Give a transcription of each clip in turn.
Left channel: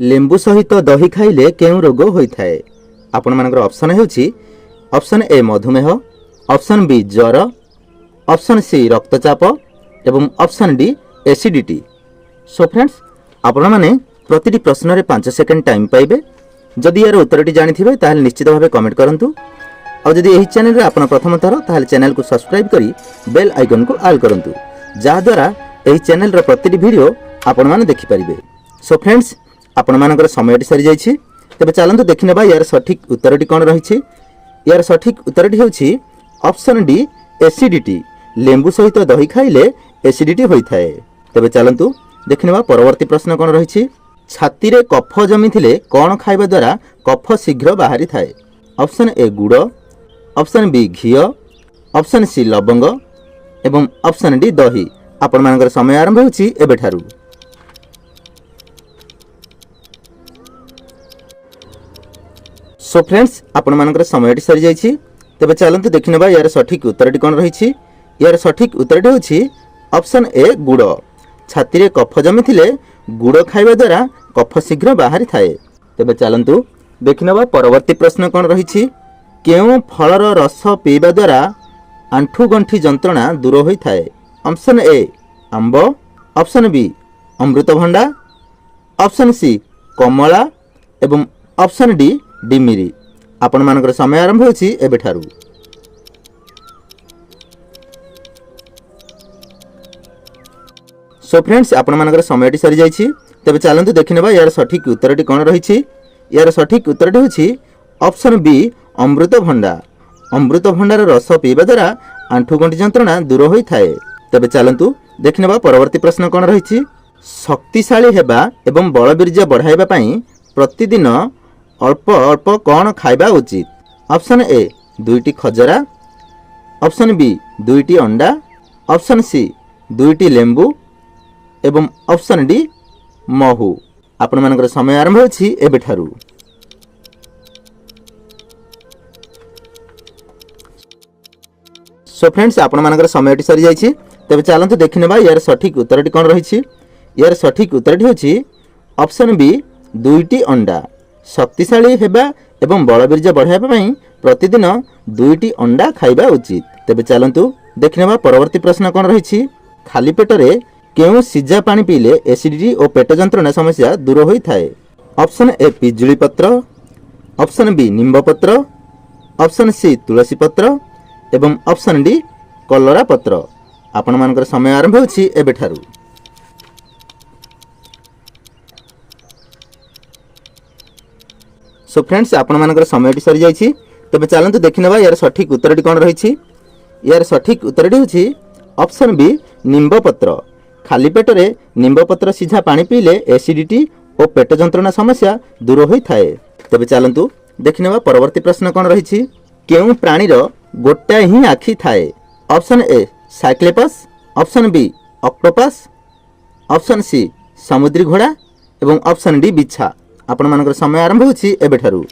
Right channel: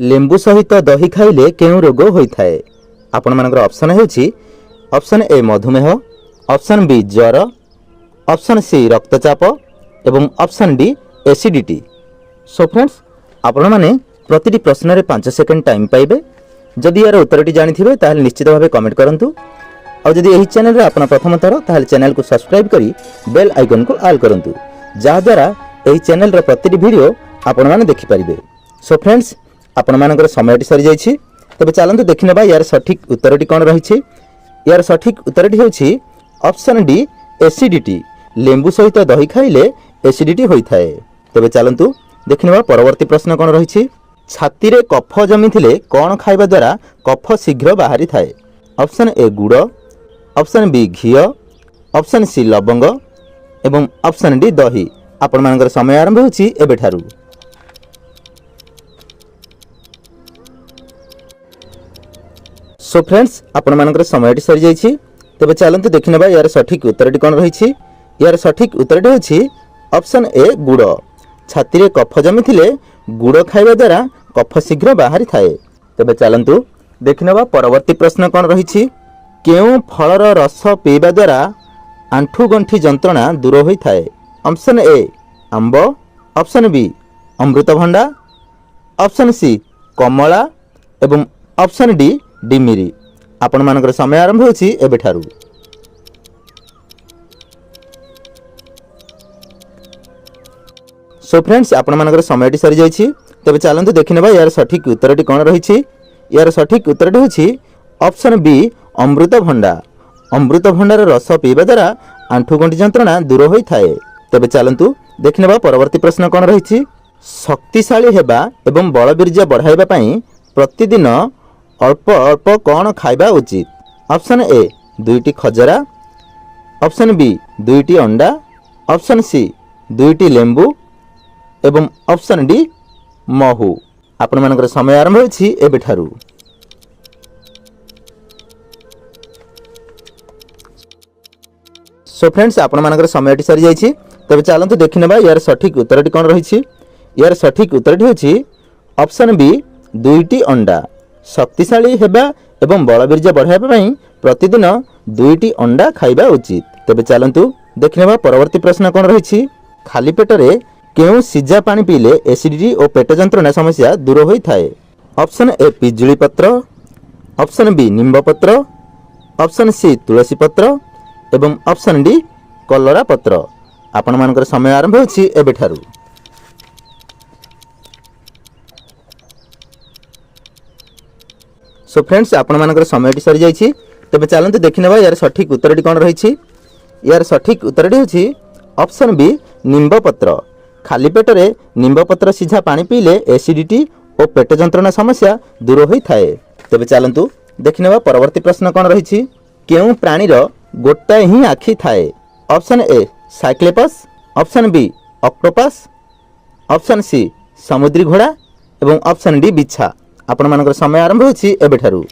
लेंबु सहित दही खाइले केउं रोग होइथाए। आपण मानकर ऑप्शन हेउछि ऑप्शन ए मधुमेह, ऑप्शन बी ज्वर, ऑप्शन सी रक्तचाप एवं option D acidity. So friends आपण माने प्रतिटी प्रश्न रे 5 सेकंड टाइम पाइबे। जदि यार उत्तरटी जानिथिबे ताहाले निश्चित भाबे कमेंट करंतु और जदि एही चैनल रे आपण प्रथम थर ताहाले चैनल को सब्सक्राइब करी बेल आइकन को ऑल करंतु जहा द्वारा एही चैनल रे प्रतिटी वीडियो आपण माने देखि परिबे। सो फ्रेंड्स आपण मानकर समयटी सरी जाइछि। तबे चलंतु देखिनेबा यार सठिक उत्तरटी कोन रहिछि। यार सठिक उत्तरटी हेउछि ऑप्शन डी एसिडिटी। लेंबु सहित दही खाइले एसिडिटी होइथाए। तबे चलंतु देखिनेबा परवर्ती प्रश्न कोन रहिछि। छाती रे कफ जमिथिले कोन खाइबा द्वारा कफ शीघ्र बाहरी थाए। ऑप्शन ए गुड़, ऑप्शन बी घी, ऑप्शन सी लवंग एवं ऑप्शन डी दही। आपण मानकर समय आरंभ होछि एबेठारु। सो फ्रेंड्स आपण मानकर समयटी सरी जाइछि। तबे चलंतु देखिनेबा यार सठिक उत्तरटी कोन रहिछि। यार सठिक उत्तरटी होछि ऑप्शन ए गुड़। छाती रे कफ जमिथिले गुड़ खाइबा द्वारा कफ शीघ्र बाहरी थाए। तबे चलंतु देखिनेबा परवर्ती प्रश्न कोन रहिछि। केउं फलर रस पीबा द्वारा आंठु गंठी जंत्रणा दूर होई थाए। ऑप्शन ए आंब, ऑप्शन बी अमृतभंडा, ऑप्शन सी कमला एवं ऑप्शन डी डिमिरी। आपण मानकर समय आरंभ होछि एबेठारु। सो फ्रेंड्स आपण मानकर समयटी सरी जाइछि। तबे चलंतु देखिनेबा यार सठिक उत्तरटी कोन रहिछि। यार सठिक उत्तरटी होछि ऑप्शन बी अमृतभंडा। अमृतभंडार रस पीबा द्वारा आंठु गंठी जंत्रणा दूर होई थाए। तबे चलंतु देखिनेबा परवर्ती प्रश्न कोन रहिछि। शक्तिशाली हेबा एवं बलबीर्य बढ़ाइबा पई प्रतिदिन अल्प अल्प कोन खाइबा उचित। ऑप्शन ए 2टी खजरा, ऑप्शन बी 2टी अंडा, ऑप्शन सी 2टी लेंबू एवं ऑप्शन डी महू। आपण मानकर समय आरंभ होछि एबेठारु। सो फ्रेंड्स आपण मानकर समयटी सरी जाइछि। तबे चलंतु देखिनेबा यार सठिक उत्तरटी कोन रहिछि। यार सठिक उत्तरटी होछि ऑप्शन बी 2टी अंडा। शक्तिशाली हेबा एवं बलबीर्य बढ़ाइबा पई प्रतिदिन 2टी अंडा खाइबा उचित। तबे चलंतु देखिनेबा परवर्ती प्रश्न कोन रहिछि। खाली पेट रे केउं सिजा पानी पीले एसिडिटी और पेट जंत्रणा समस्या दूर होई थाए। ऑप्शन ए पिजुली पत्र, ऑप्शन बी निम्ब पत्र, ऑप्शन सी तुलसी पत्र एवं ऑप्शन डी कलरा पत्र। आपण मानकर समय आरंभ होछि एबेठारु। सो फ्रेंड्स आपण मानकर समयटी सरी जाइछि। तबे चलंतु देखिनेबा यार सठिक उत्तरटी कोन रहिछि। यार सठिक उत्तरटी होछि ऑप्शन बी निम्ब पत्र। खाली पेट रे निम्ब पत्र सिझा पानी पीले एसिडिटी और पेट जंत्रणा समस्या दूर होई थाए। तबे चलंतु देखिनेबा परवर्ती प्रश्न कोन रहिछि। केउं प्राणीर गोटाए ही आखि थाए। Option A cyclops, option B octopus, option C समुद्री घोड़ा एवं ऑप्शन डी बिच्छा। आपण मानकर समय आरंभ होछि एबेठारु।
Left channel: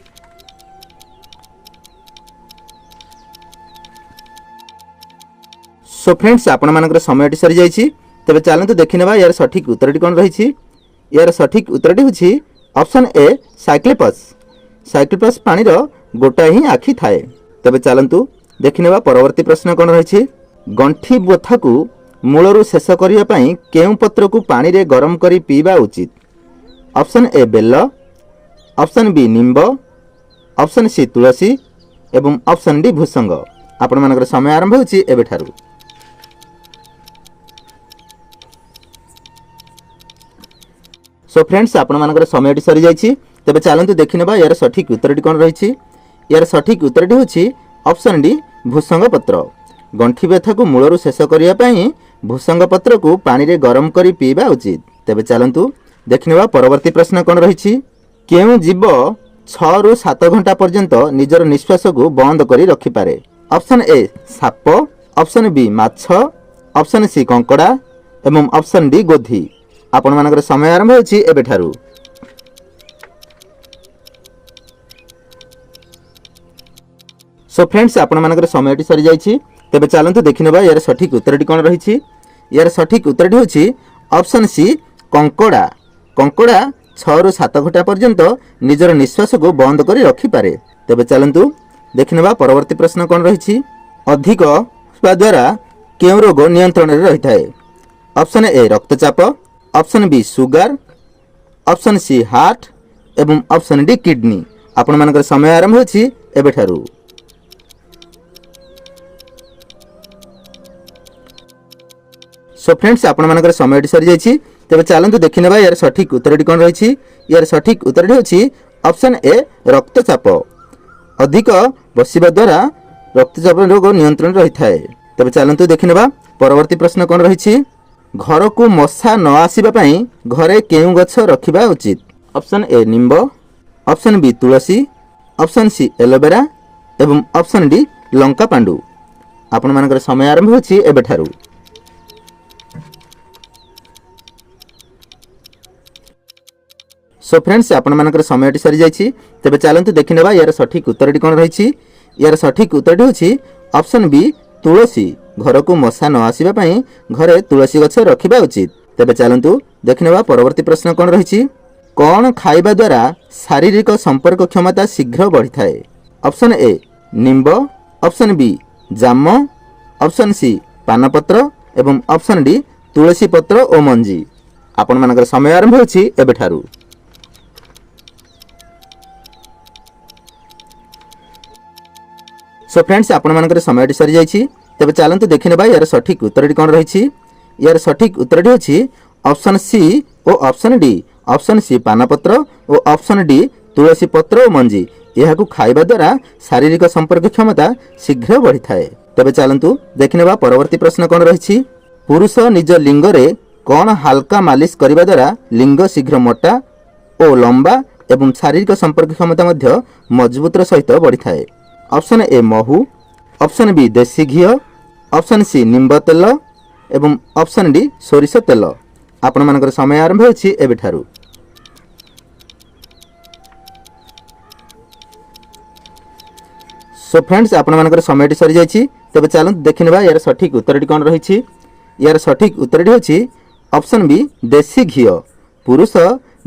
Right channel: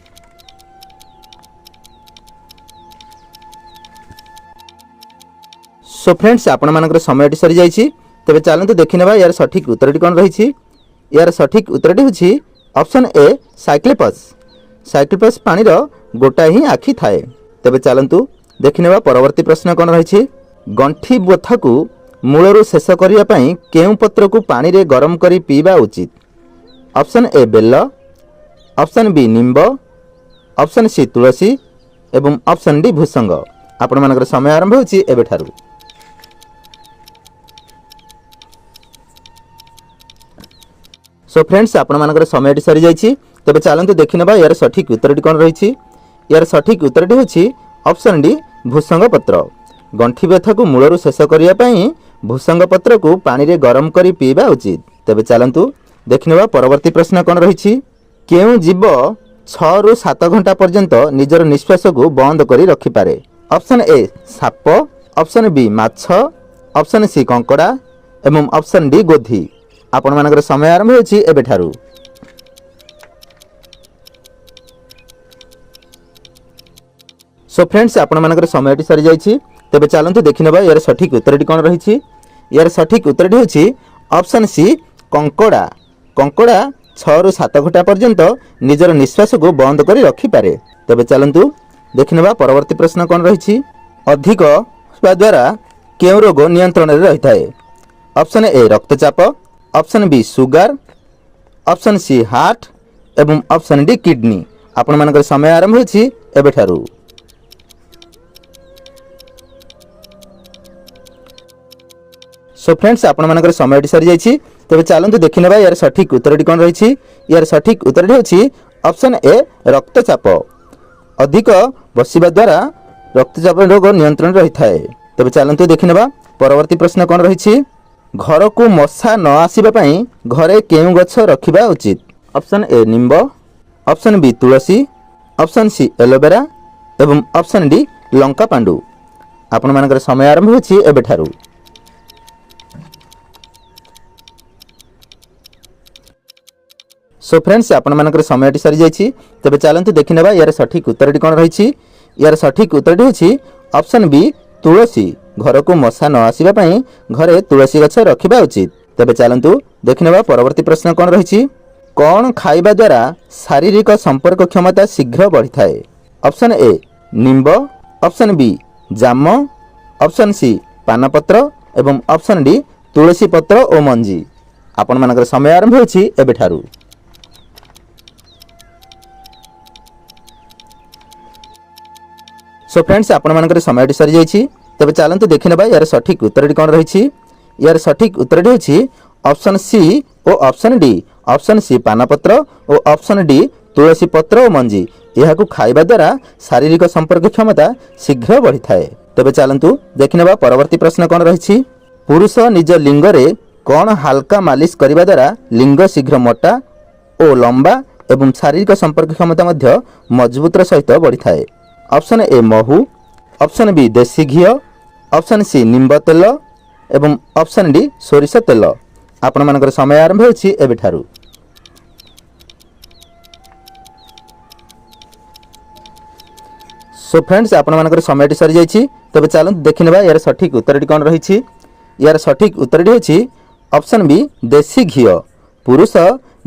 सो फ्रेंड्स आपण मानकर समयटी सरी जाइछि। तबे चलंतु देखिनेबा यार सठिक उत्तरटी कोन रहिछि। यार सठिक उत्तरटी होछि ऑप्शन ए साइक्लोपस। साइक्लोपस प्राणीर गोटाए ही आखि थाए। तबे चलंतु देखिनेबा परवर्ती प्रश्न कोन रहिछि। गंठी बथा को मूलरू शेष करिया पई केउं पत्र को पानी रे गरम करी पीबा उचित। ऑप्शन ए बेल, ऑप्शन बी निम्ब, ऑप्शन सी तुलसी एवं ऑप्शन डी भूसंग। आपण मानकर समय आरंभ होछि एबेठारु। सो फ्रेंड्स आपण मानकर समयटी सरी जाइछि। तबे चलंतु देखिनेबा यार सठिक उत्तरटी कोन रहिछि। यार सठिक उत्तरटी होछि ऑप्शन डी भूसंग पत्र। गंठी व्यथा को मूलरू शेष करिया पई भूसंग पत्र को पानी रे गरम करी पीबा उचित। तबे चलंतु देखिनेबा परवर्ती प्रश्न कोन रहिछि। केउं जीव 6 रु 7 घंटा पर्यंत निजर निश्वास को बंद करी रखि पारे। ऑप्शन ए साप, ऑप्शन बी माछ, ऑप्शन सी कंकड़ा एवं ऑप्शन डी गोधी। आपण मानकर समय आरंभ होछि एबेठारु। सो फ्रेंड्स आपण मानकर समयटी सरी जाइछि। तबे चलंतु देखिनेबा यार सठिक उत्तरटी कोन रहिछि। यार सठिक उत्तरटी होछि ऑप्शन सी कंकड़ा। कंकड़ा 6 ରୁ 7 घंटा पर्यंत निजर निश्वास को बंद कर रखिपारे। तेबे चलंतु देखिनेबा परवर्ती प्रश्न कौन रही। अधिक द्वारा केउं रोग नियंत्रण रे रही थाए? ऑप्शन ए रक्तचाप, option B sugar, option C heart एवं ऑप्शन डी किडनी। आपण मानकर समय आरंभ होछि एबेठारु। सो फ्रेंड्स आपण मानकर समय सरी जाइछि। तेबे चलंतु देखिनेबा यार सठिक उत्तर कौन रही। यार सठिक उत्तर होछि ऑप्शन ए रक्तचाप। अधिक बसिबा द्वारा रक्तचाप रोग नियंत्रण रही थाए। तेबे चलंतु देखिनेबा परवर्ती प्रश्न कौन रही। घर को मशा न आसीबा पई घरे केउ गछ रखिबा उचित? ऑप्शन ए निंब, ऑप्शन बी तुलसी, ऑप्शन सी एलोवेरा एवं ऑप्शन डी लंका पांडु। आपण मानकर समय आरंभ होछि एबेठारु। सो फ्रेंड्स आपण मानकर समय सरी जाइछि। तेबे चलंतु देखिनेबा यार सठिक उत्तर कौन रही। यार सठिक उत्तर होछि ऑप्शन बी तुलसी। घर को मशा न आसीबा पई घरे तुलसी गछ रखिबा उचित। तेबे चलंतु देखिनेबा परवर्ती प्रश्न कौन रही। कौन खाइबा द्वारा शारीरिक संपर्क क्षमता शीघ्र बढ़ी थाए? ऑप्शन ए निंब, ऑप्शन बी जाम, ऑप्शन सी पानपत्र एवं ऑप्शन डी तुलसी पत्र और मंजी। आपण मानकर समय आरंभ होछि एबेठारु। सो फ्रेंड्स आपण मानकर समय सरी जाइछि। तेबे चलंतु देखिनेबा यार सठिक उत्तर कौन रही। यार सठिक उत्तर होछि ऑप्शन सी और ऑप्शन डी। ऑप्शन सी पानपत्र और ऑप्शन डी तुलसी पत्र और मंजी। यहाकू खाइबा द्वारा शारीरिक संपर्क क्षमता शीघ्र बढ़ी थाए। तेबे चलंतु देखिनेबा परवर्ती प्रश्न कौन रही। पुरुष निज लिंग रे कौन हल्का मालिश करबा द्वारा लिंग शीघ्र मोटा और लंबा एवं शारीरिक संपर्क क्षमता मध्य मजबूतर सहित बढ़ी थाए? ऑप्शन ए महू, ऑप्शन बी देसी घी, ऑप्शन सी निंब तेल एवं ऑप्शन डी सोरिष तेल। आपण मानकर समय आरंभ होछि एबेठारु। सो फ्रेंड्स आपण मानकर समय सरी जाइछि। तेबे चलंतु देखिनेबा यार सठिक उत्तर कौन रही। यार सठिक उत्तर होछि ऑप्शन बी देसी घी। पुरुष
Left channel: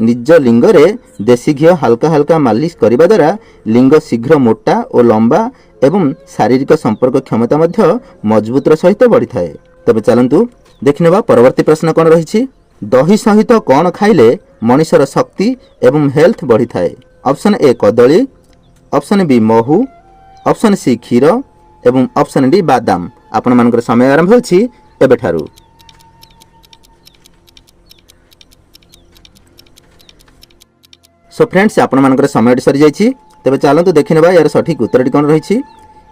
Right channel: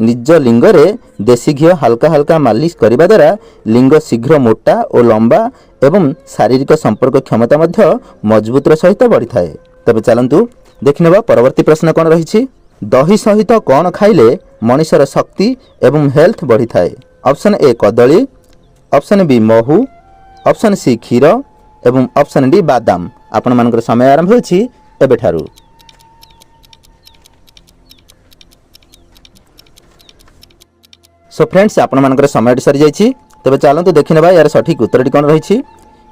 निज लिंग रे देसी घी हल्का हल्का मालिश करबा द्वारा लिंग शीघ्र मोटा और लंबा एवं शारीरिक संपर्क क्षमता मध्य मजबूतर सहित बढ़ी थाए। तेबे चलंतु देखिनेबा परवर्ती प्रश्न कौन रही। दही सहित कौन खाइले मनुष्यर शक्ति एवं हेल्थ बढ़ी थाए? ऑप्शन ए कदली, ऑप्शन बी महू, ऑप्शन सी क्षीर एवं ऑप्शन डी बादाम। आपण मानकर समय आरंभ होछि एबेठारु। सो फ्रेंड्स आपण मानकर समय सरी जाइछि। तेबे चलंतु देखिनेबा यार सठिक उत्तर कौन रही।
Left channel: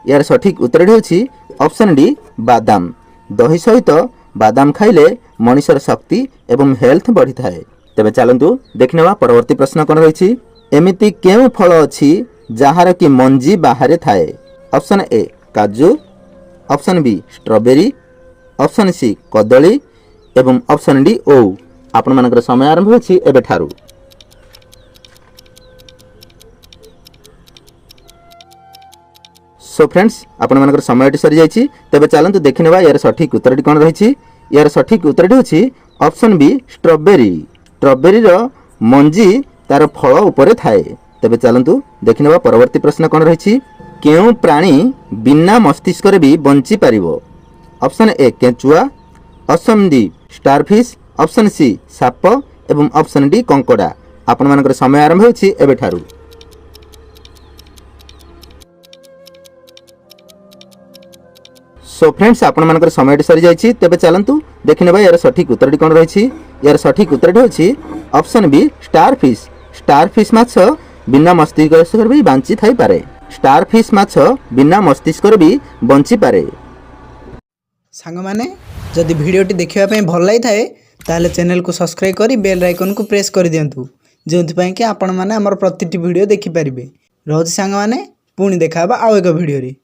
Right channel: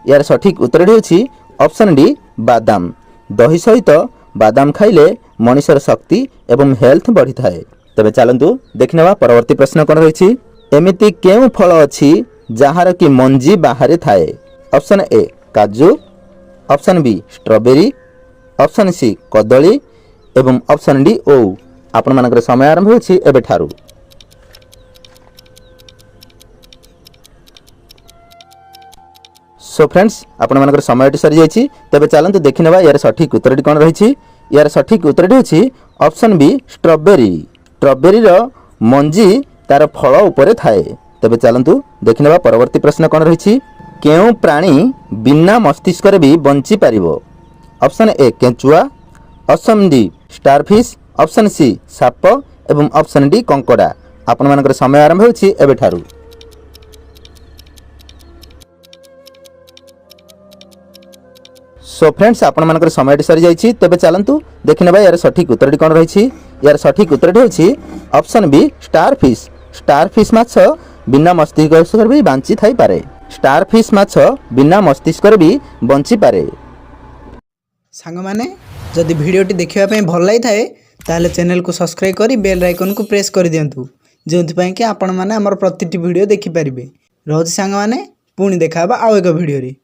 यार सठिक उत्तर होछि ऑप्शन डी बादाम। दही सहित बादाम खाइले मनुष्यर शक्ति एवं हेल्थ बढ़ी थाए। तेबे चलंतु देखिनेबा परवर्ती प्रश्न कौन रही। एमिति केउ फल अछि जहार कि मंजी बाहर थाए? ऑप्शन ए काजू, option B strawberry, option C कदली एवं ऑप्शन डी ओउ। आपण मानकर समय आरंभ होछि एबेठारु। सो फ्रेंड्स आपण मानकर समय सरी जाइछि। तेबे चलंतु देखिनेबा यार सठिक उत्तर कौन रही। यार सठिक उत्तर होछि ऑप्शन बी स्ट्रॉबेरी। स्ट्रॉबेरी रो मंजी तार फल ऊपर थाए। तेबे चलंतु देखिनेबा परवर्ती प्रश्न कौन रही। केउ प्राणी बिना मस्तिष्क रे भी बंची पारिबो? ऑप्शन ए केंचुआ, option D starfish, option C साप एवं ऑप्शन डी कंकड़ा। आपण मानकर समय आरंभ होछि एबेठारु। सो फ्रेंड्स आपण मानकर समय सरी जाइछि। तेबे चलंतु देखिनेबा यार सठिक उत्तर कौन रही। यार सठिक उत्तर होछि ऑप्शन बी स्टारफिश। स्टारफिश माछ बिना मस्तिष्क भी बंची थाई पारे। स्टारफिश माछ बिना मस्तिष्क भी बंची पारे। सांग माने जदि भिडियोटी देखिबा पई भल लागि थाए ताले चैनल को सब्सक्राइब करी बेल आइकन को प्रेस कर दियंतु जोंथि पई कि आपण माने हमर प्रतिटी वीडियो देखि परिबे। रहउछि सांग माने पुणी देखाबा आउ एक वीडियो रे।